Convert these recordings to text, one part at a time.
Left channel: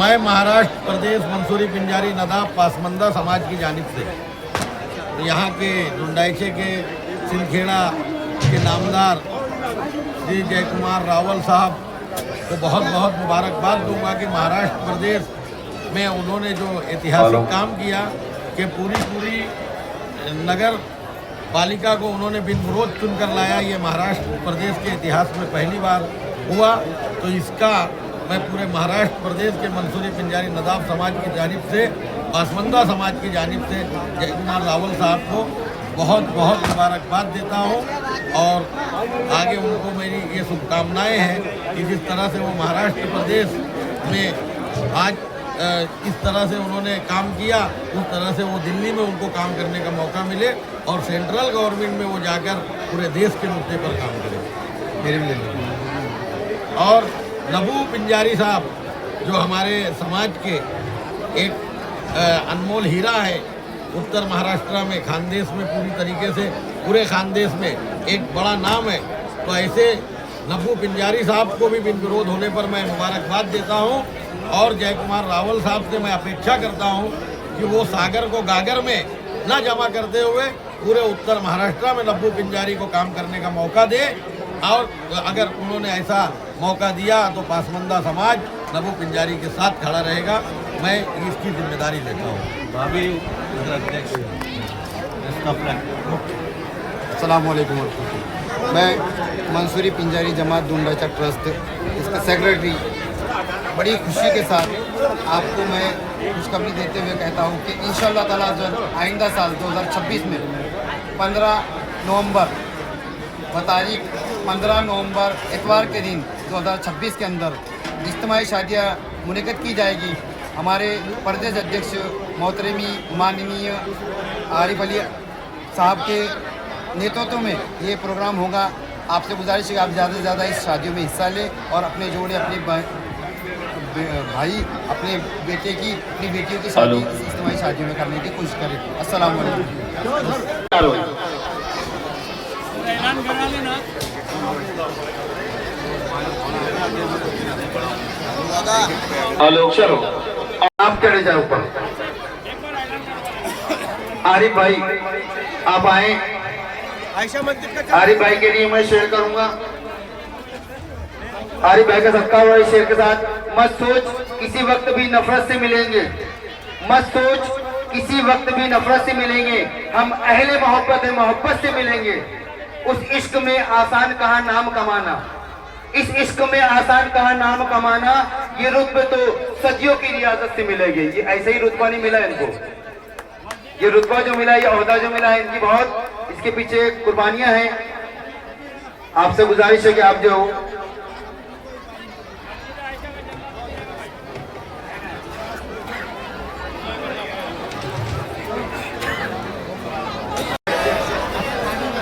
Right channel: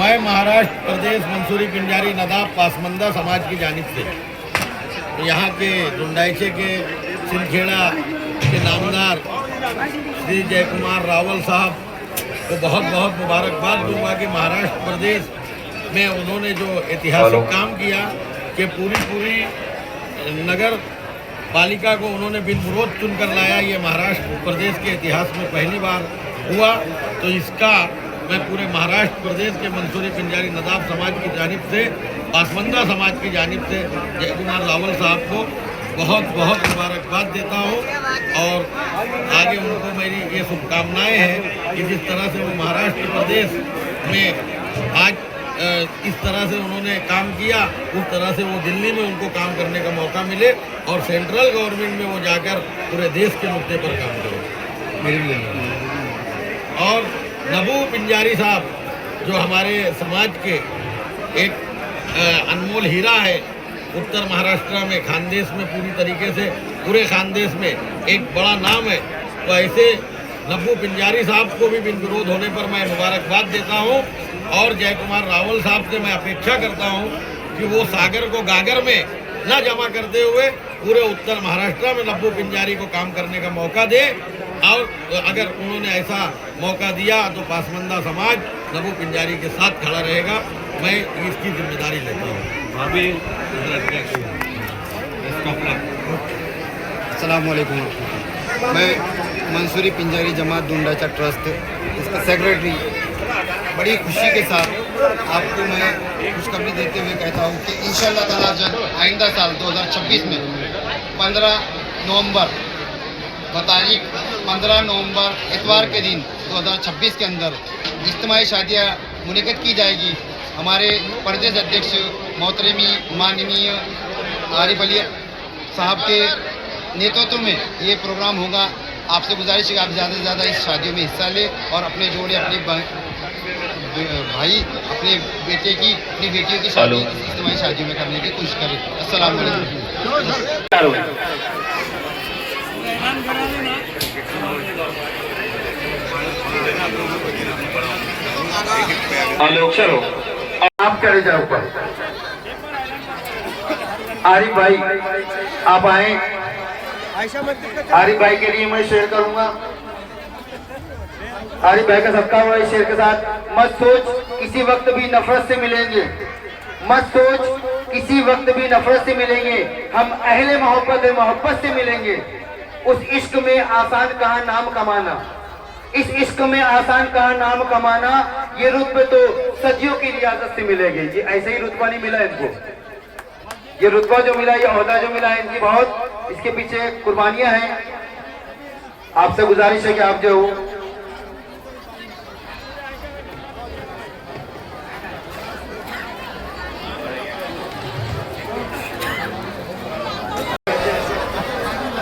मैं महाराष्ट्र प्रदेश मंसूरी पिंजारी नदाब पासमंदा समाज की जानिब से तो यहाँ के डुंडाइचे के सिंदखेड़ा के नामदार श्री जय कुमार रावल साहब को बहुत बहुत मुबारकबाद दूंगा कि महाराष्ट्र प्रदेश में उन्होंने जो ऐतिहासिक काम किया कि पूरी नगर पालिका को उन्होंने बिन विरोध चुनकर लाया। ये महाराष्ट्र प्रदेश के इतिहास में पहली बार हुआ। तो इसका मैं पूरे महाराष्ट्र प्रदेश के मंसूरी पिंजारी नदाब समाज की जानिब से, पासमंदा समाज की जानिब से जय कुमार रावल साहब को बहुत बहुत मुबारकबाद देता हूँ और आगे उनको मेरी ये शुभकामनाएँ हैं कि जिस तरह से वो महाराष्ट्र प्रदेश में आज इस तरह से उन्होंने काम किया, उस तरह से वो दिल्ली में उनको काम करने का मौका मिले और सेंट्रल गवर्नमेंट में वो जाकर पूरे देश के मुद्दे पर काम करें। और नबू पिंजारी साहब जो हमारे समाज के एक अनमोल हीरा है, उत्तर महाराष्ट्र में खानदेश में पूरी तरीके से पूरे खानदेश में एक बड़ा नाम है। तो ऐसे नब्बू पिंजारी साहब को भी बिन विरोध होने पर मैं मुबारकबाद देता हूं और जय कुमार रावल साहब से मैं अपेक्षा करता हूं कि वो सागर को गागर में न जमा करते हुए पूरे उत्तर महाराष्ट्र में नब्बू पिंजारी को काम करने का मौका दे। और अगर उन्होंने ऐसा मौका दिया तो पासमंदा समाज नब्बू पिंजारी के साथ खड़ा रहेगा। मैं इसकी जिम्मेदारी लेता हूँ। अस्सलाम वालेकुम। मैं मंसूरी पिंजारी जमात डुंडाचा ट्रस्ट इसका सेक्रेटरी बड़ी खुशी के साथ आपको मैं खुशखबरी देते हुए कहता हूँ कि इंशाअल्लाह ताला जब आइंदा साल 2026 में 15 नवंबर तारीख 15 नवंबर इतवार के दिन 2026 के अंदर इज्तिमाई शादियाँ मुनक़िद की जाएगी। हमारे प्रदेश अध्यक्ष मोहतरमी माननीय आरिफ अली साहब के नेतृत्व में ये प्रोग्राम होगा। आपसे गुजारिश है कि आप ज़्यादा से ज़्यादा इस शादियों में हिस्सा लें और अपने जोड़े, अपने भाई, अपने बेटे की, अपनी बेटियों की शादी इस इज्तिमाई शादियों में करने की कोशिश करें। अस्सलाम वालेकुम। हेलो, चलो आप चले जाओ ऊपर। आरिफ भाई आप आए। आरिफ भाई के लिए मैं शेयर करूंगा। आरिफ भाई का सदका हुआ इस शेर के साथ। मत सोच किसी वक्त भी नफरत से मिलेंगे, मत सोच किसी वक्त भी नफरत से मिलेंगे, हम अहले मोहब्बत है, मोहब्बत से मिलेंगे। उस इश्क में आसान कहाँ नाम कमाना, इस इश्क में आसान कहाँ नाम कमाना, ये रुतबे तो सदियों की रियासत से मिलेगी। ये ऐसे ही रुतबा नहीं मिला इनको, ये रुतबा जो मिला, ये ओहदा जो मिला है, इनकी बहुत इसके पीछे कुर्बानियां हैं। आपसे गुजारिश है कि आप जो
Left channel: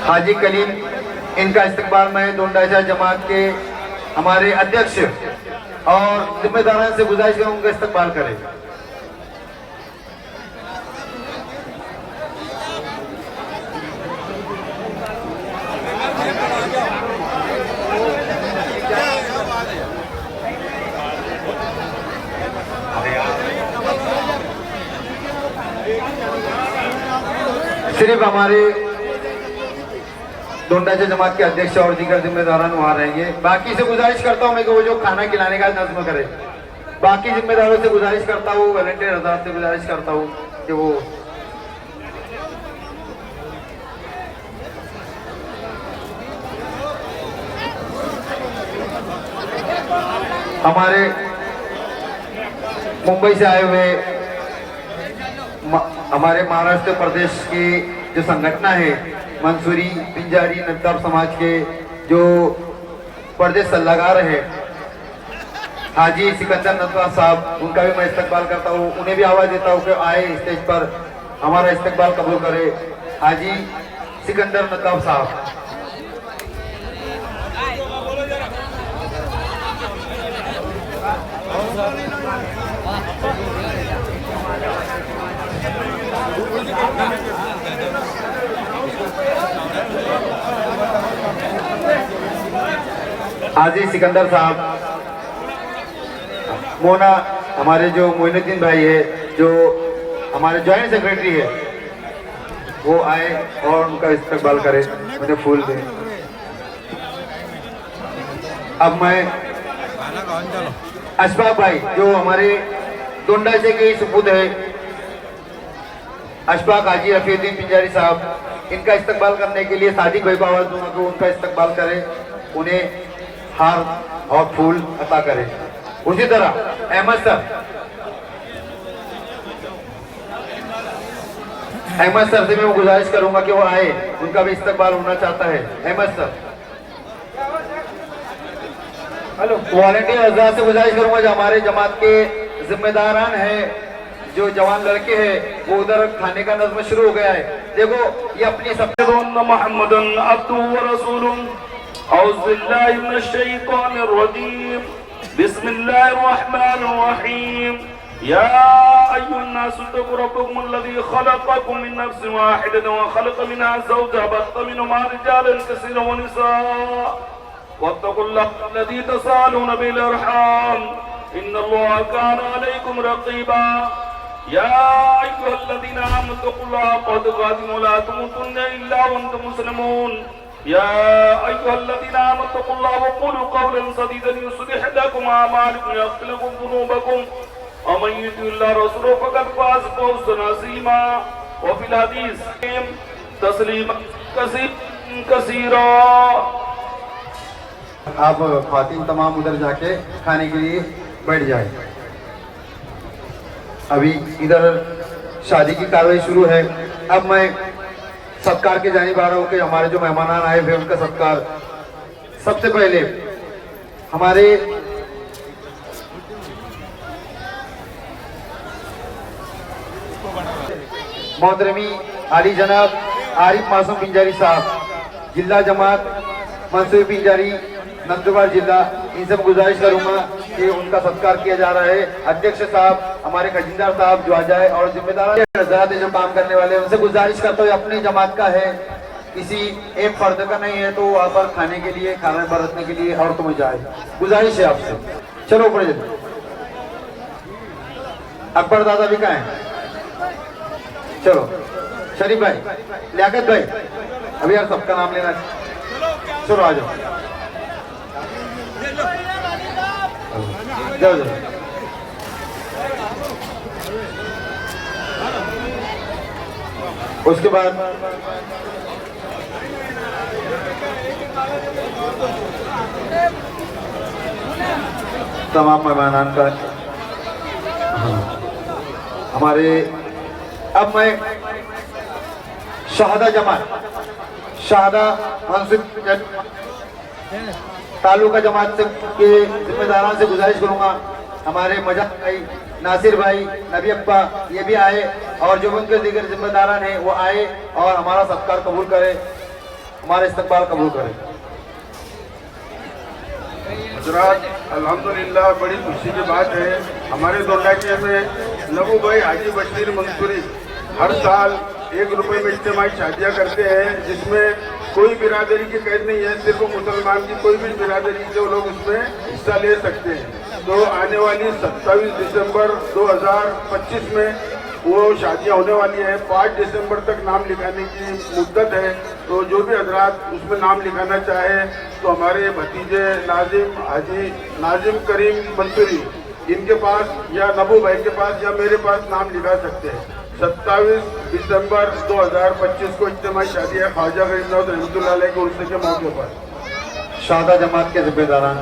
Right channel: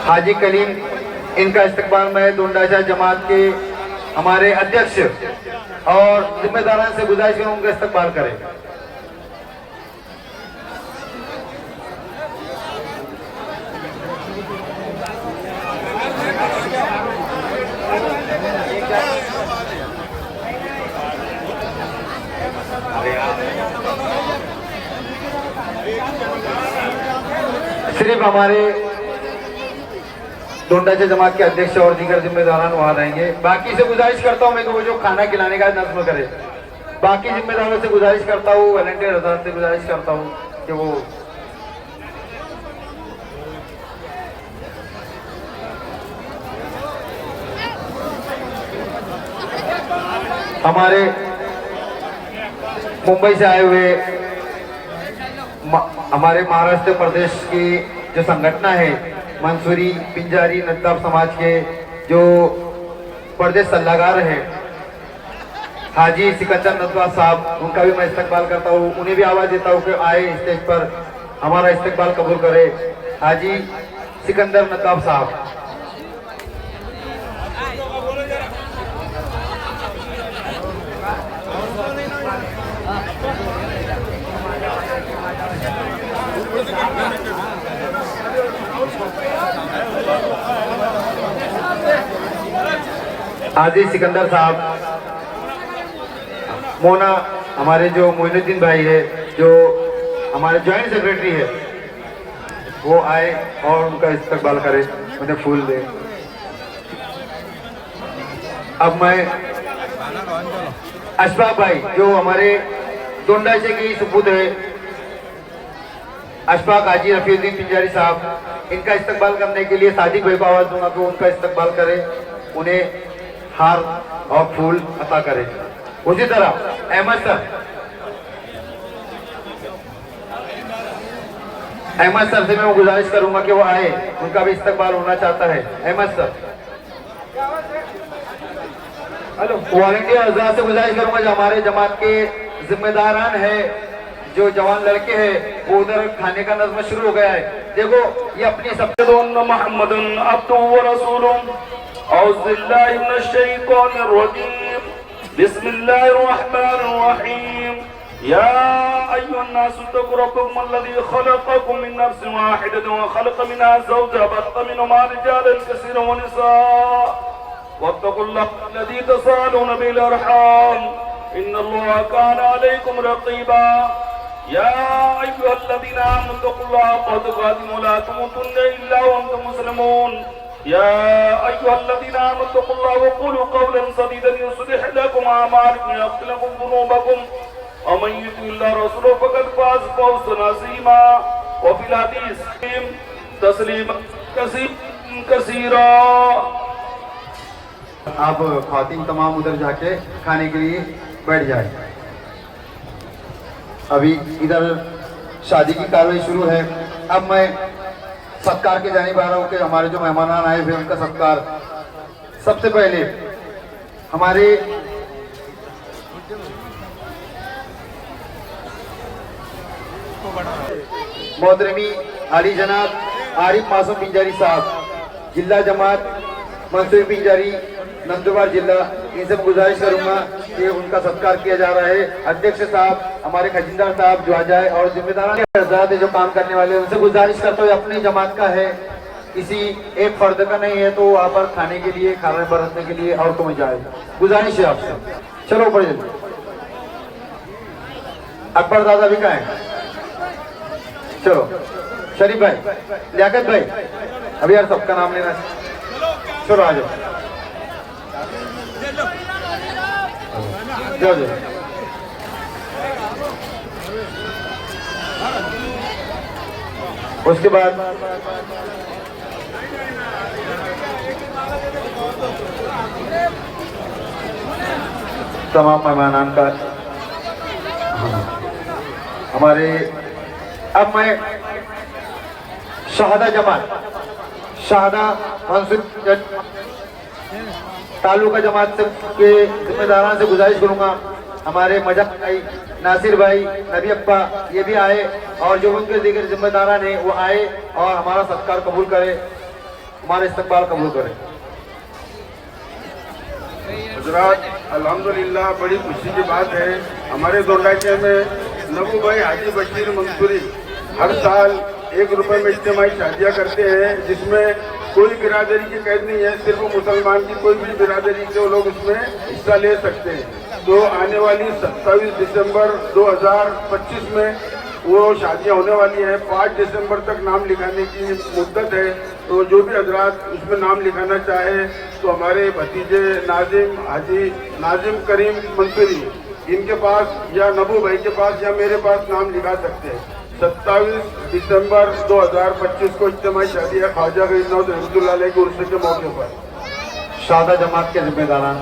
हाजी कलीम, इनका इस्तकबाल मैं डुंडाचा जमात के हमारे अध्यक्ष और जिम्मेदारान से गुजारिश करूं उनका इस्तकबाल करें। सिर्फ हमारे डोंडाचा जमात के अध्यक्ष और दीगर जिम्मेदारान वहां रहेंगे। बाकी से गुजारिश करता हूं मैं कि वो जो खाना खिलाने का नज़्म करे, बाकी जिम्मेदारों से गुजारिश करता हूं, वॉलंटियर हज़रात से गुजारिश करता हूं कि वो हमारे मुंबई से आए हुए हमारे महाराष्ट्र प्रदेश की जो संगठन है मंसूरी पिंजारी नदाब समाज के जो प्रदेश सलाहकार हैं हाजी सिकंदर नदवा साहब, उनका भी मैं इस्तकबाल करता हूँ। उन्हें भी आवाज़ देता हूँ कि आए स्टेज पर हमारा इस्तकबाल कबूल करे। हाजी सिकंदर नदवा साहब। हाजी सिकंदर साहब, मोना हमारे जो मोइनुद्दीन भाई है, जो हमारे जॉइंट सेक्रेटरी है, वो आए और उनका इस्तकबाल करें, उन्हें फूल दें। अब मैं अशफाक भाई जो हमारे डोंडाचे के ही सुपुत है, अशफाक हाजी रफीउद्दीन पिंजारी साहब, इनका इस्तकबाल करने के लिए सादिक भाई को आवाज दूंगा कि उनका इस्तकबाल करें, उन्हें हार और फूल अता करें। उसी तरह अहमद सर से मैं गुजारिश करूंगा कि वो आए, उनका भी इस्तकबाल होना चाहता है। Ahmad sir, hello. वॉलंटियर हजरात से गुजारिश करूंगा जो हमारे जमात के जिम्मेदारान है, जो जवान लड़के हैं, वो उधर खाने का नज़्म शुरू हो गया है। देखो ये अपनी सब मोहम्मदन अब्दुहु व रसूलुहु औज़ु बिल्लाहि मिनश शैतानिर रजीम बिस्मिल्लाहिर रहमानिर रहीम या अय्युहन नासु इत्तक़ू रब्बकुम अल्लज़ी ख़लक़कुम मिन नफ्सिन वाहिदतिन व ख़लक़ मिनहा ज़ौजहा व बस्सा मिनहुमा रिजालन कसीरन व निसाअ वत्तक़ुल्लाहा अल्लज़ी तसाअलूना बिल अर्हाम इन्नल्लाहा काना अलैकुम रक़ीबा या अय्युहल्लज़ीना आमनू इत्तक़ुल्लाहा हक़्क़ तुक़ातिही व ला तमूतुन्ना इल्ला व अंतुम मुस्लिमून या अय्युहल्लज़ीना आमनू इत्तक़ुल्लाहा व क़ूलू क़ौलन सदीदन युस्लिह लकुम अअमालकुम व यग़फिर लकुम ज़ुनूबकुम व मन युति'िल्लाह व रसूलहु फ़क़द फ़ाज़ फ़ौज़न अज़ीमा व फ़िल हदीस तस्लीमा कसीरा। आप ख़वातीन तमाम उधर जाके खाने के लिए बैठ जाए। अभी इधर शादी की कार्रवाई शुरू है। अब मैं सत्कार के जानिब आ रहा हूँ कि हमारे जो मेहमान आए हुए उनका सत्कार। सबसे पहले हमारे मोहतरमी आली जनाब आरिफ मासूम पिंजारी साहब, जिला जमात मंसूरी पिंजारी नंदुरबार जिला, इनसे गुजारिश करूंगा कि उनका सत्कार किया जा रहा है। अध्यक्ष साहब, हमारे खजिंदार साहब जो आ जाए, और जिम्मेदार हज़रात जो काम करने वाले, उनसे गुजारिश करता हूँ अपनी जमात का है, किसी एक फर्द का नहीं है, तो वहाँ पर खाने के लिए, खाना बरतने के लिए और तो जाए, गुजारिश है आपसे। चलो ऊपर चलो। अकबर दादा भी कहाँ है? चलो शरीफ भाई, लियाकत भाई, अभी यार सबका नाम लेना। चलो आ जाओ। उसके बाद तमाम मेहमानान का हमारे। अब मैं शाहदा जमात, शाहदा मंसूर तालुका जमात से के जिम्मेदारान से गुजारिश करूंगा, हमारे मजाक भाई, नासिर भाई, नबी अब्बा, ये भी आए, और जो उनके दीगर जिम्मेदारान हैं वो आए और हमारा सत्कार कबूल करें, हमारा इस्तकबाल कबूल करें। हज़रात अल्हम्दुलिल्लाह, बड़ी खुशी की बात है, हमारे दोडाचे में नबू भाई हाजी बशीर मंसूरी हर साल 1 रुपये में इज्तिमाई शादियाँ करते हैं, जिसमें कोई बिरादरी की कैद नहीं है, सिर्फ मुसलमान की कोई भी बिरादरी के लोग उसमें हिस्सा ले सकते हैं। तो आने वाली 27 दिसंबर 2025 में वो शादियाँ होने वाली हैं। 5 दिसंबर तक नाम लिखाने की मुद्दत है, तो जो भी हजरात उसमें नाम लिखाना चाहे तो हमारे भतीजे नाजिम हाजी नाजिम करीम मंसूरी, इनके पास या नबू भाई के पास या मेरे पास नाम लिखा सकते हैं। 27 दिसंबर 2025 को इज्तिमाई शादी है ख्वाजा गरीब रहमतुल्लाह अलैह के उर्स के मौके पर। शादा जमात के जिम्मेदारान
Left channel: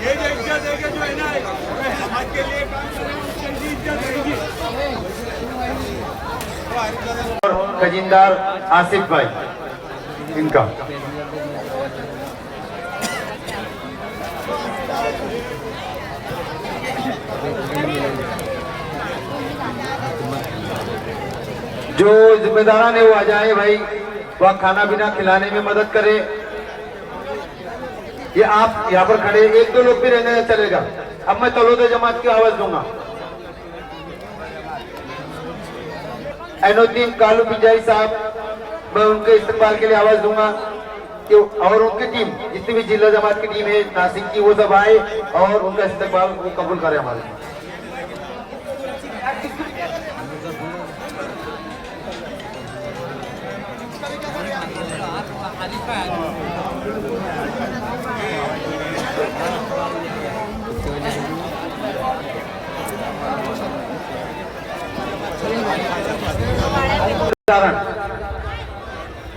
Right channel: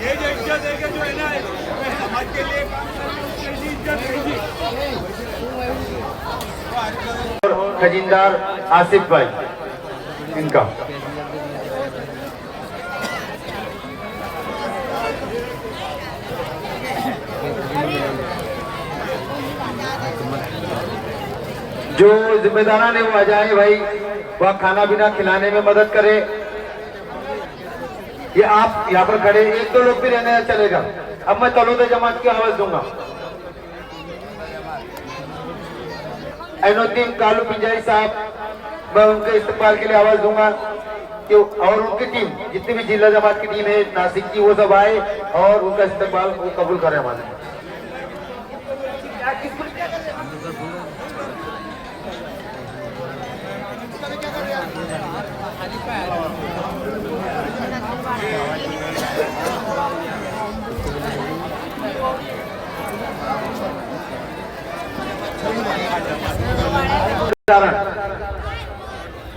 ये जो इज्जत है जो है ना, समाज के लिए काम कर रहे हैं, उसकी इज्जत रहेगी। खजिंदार आसिफ भाई, इनका जो जिम्मेदारान है वो आ जाए भाई, वहाँ खाना पीना खिलाने में मदद करे। ये आप यहाँ पर खड़े, 1-2 लोग भी रहने चलेगा। अब मैं तलोदा जमात की आवाज दूंगा। ऐनुद्दीन कालू पिंजारी साहब, मैं उनके इस्तेमाल के लिए आवाज दूंगा। कि और उनकी टीम जितनी भी जिला जमात की टीम है नासिक की, वो सब आए और उनका इस्तेमाल कबूल करे हमारे।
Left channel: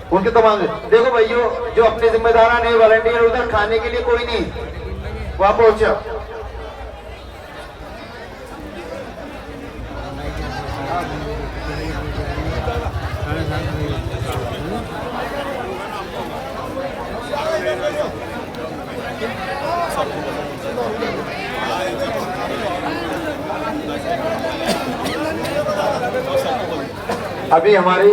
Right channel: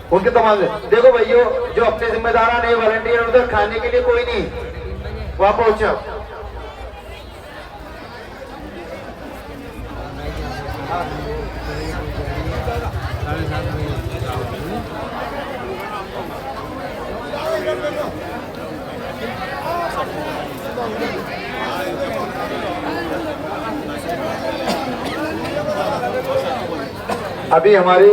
उनके तो देखो भैया, जो अपने जिम्मेदार नहीं वॉलंटियर, उधर खाने के लिए कोई नहीं वहां पहुंचा। अभी हमारी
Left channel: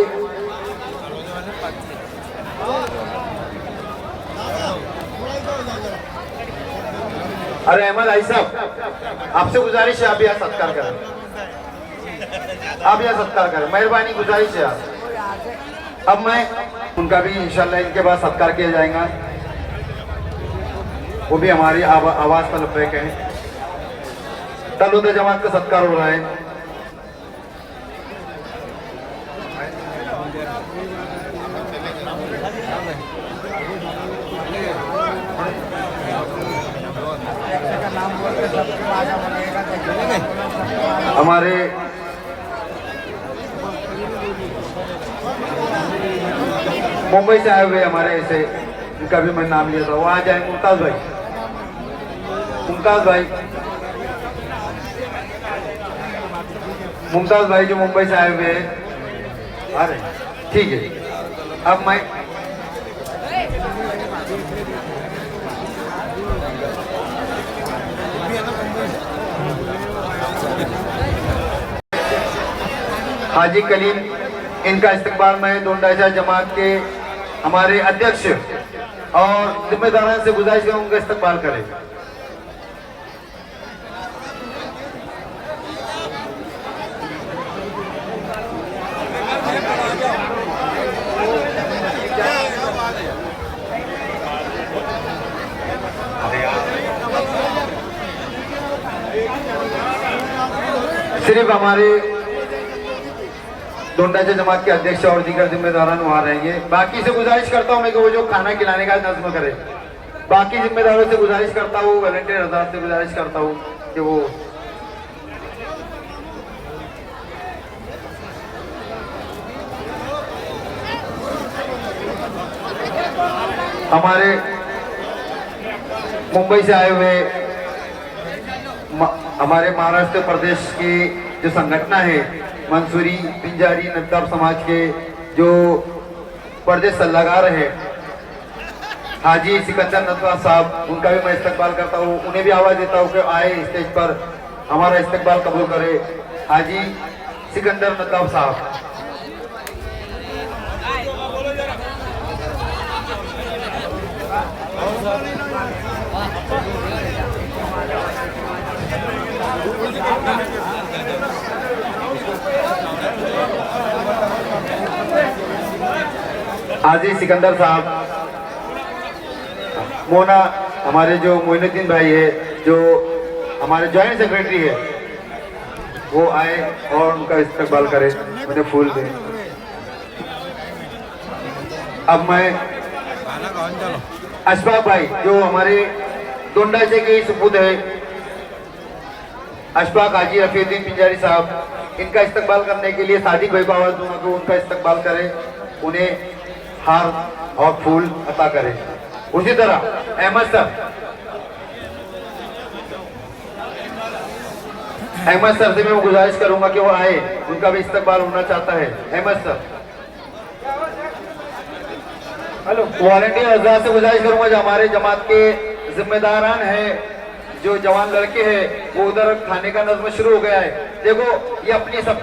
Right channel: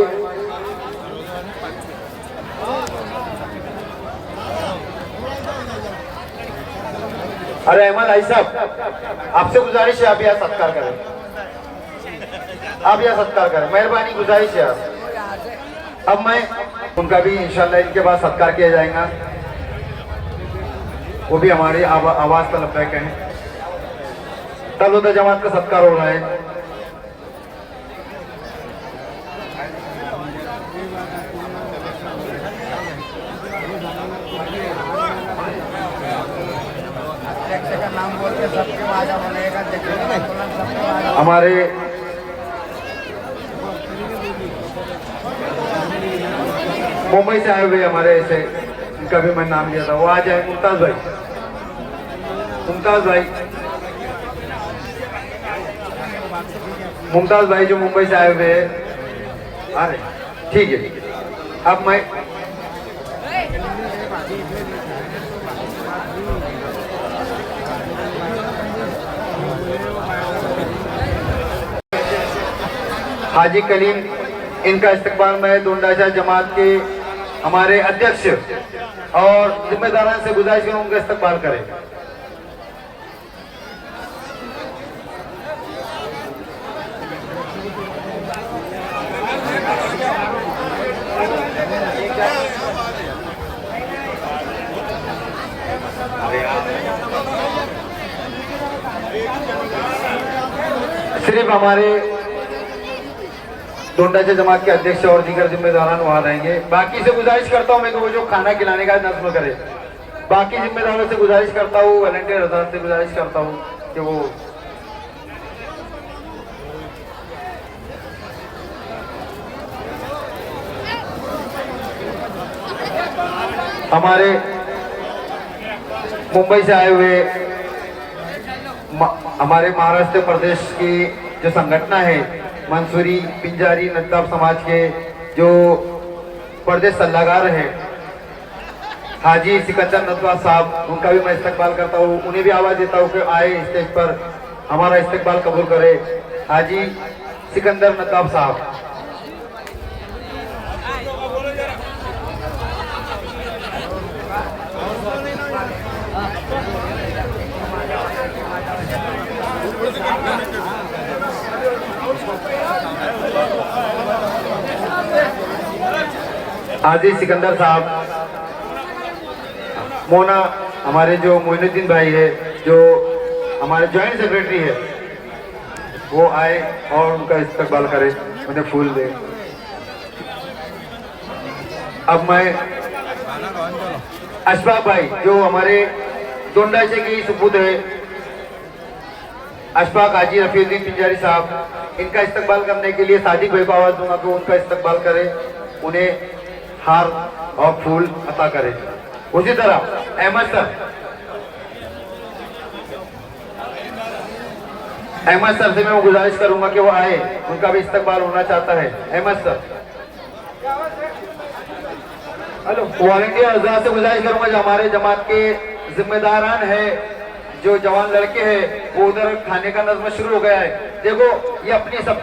अरे अहमद भाई साहब, आपसे गुजारिश है आप यहाँ सत्कार करें, आप यहाँ सत्कार करें, मेहरबानी गुजारिश है आप। अब मैं उनका भी इंशाल्लाह इनके बाद सत्कार किया जाएगा, वो भी हमारी आवाज का लबैक है। तलवता जमात का सत्कार हो रहा है। हमारे मुंबई से आए हुए हमारे ऐसे, इनका भी मैं नाम लिया था, वो आ जाए मुमताज भाई, मुमताज भाई जो मुंबई से आए हुए हैं। अरे ठीक है, अब मैं हाजी कलीम, इनका इस्तकबाल में दुंडाचा जमात के हमारे अध्यक्ष और जिम्मेदारान से गुजारिश करूं उनका इस्तकबाल करें। सिर्फ हमारे दोंडाचा जमात के अध्यक्ष और दीगर जिम्मेदारान वहां रहेंगे। बाकी से गुजारिश करता हूं मैं कि वो जो खाना खिलाने का नज्म करे, बाकी जिम्मेदारों से गुजारिश करता हूँ, वॉलंटियर हजरात से गुजारिश करता हूँ कि वो हमारे मुंबई से आए हुए हमारे महाराष्ट्र प्रदेश की जो संगठन है मंसूरी पिंजारी नद्दाफ समाज के जो प्रदेश सलाहकार हैं हाजी सिकंदर नदवा साहब, उनका भी मैं इस्तकबाल करता हूँ। उन्हें भी आवाज देता हूँ कि आए स्टेज पर हमारा इस्तकबाल कबूल करे। हाजी सिकंदर नदवा साहब। हाजी सिकंदर साहब, मोना हमारे जो मोइनुद्दीन भाई है जो हमारे जॉइंट सेक्रेटरी है, वो आए और उनका इस्तकबाल करे, उन्हें फूल दे। अब मैं अशफाक भाई जो हमारे दोंडाचे के सुपुत है, अशफाक हाजी रफीउद्दीन पिंजारी साहब, इनका इस्तकबाल करने के लिए सादिक भाई को आवाज दूंगा कि उनका इस्तकबाल करे, उन्हें हार और फूल अता करे। उसी तरह अहमद सर से मैं गुजारिश करूंगा कि वो आए, उनका भी इस्तकबाल होना चाहता है। Ahmad sir, hello. वॉलंटियर हजरात से गुजारिश करूंगा जो हमारे जमात के जिम्मेदारान है, जो जवान लड़के हैं, वो उधर खाने का नज़्म शुरू हो गया है। देखो ये अपनी सब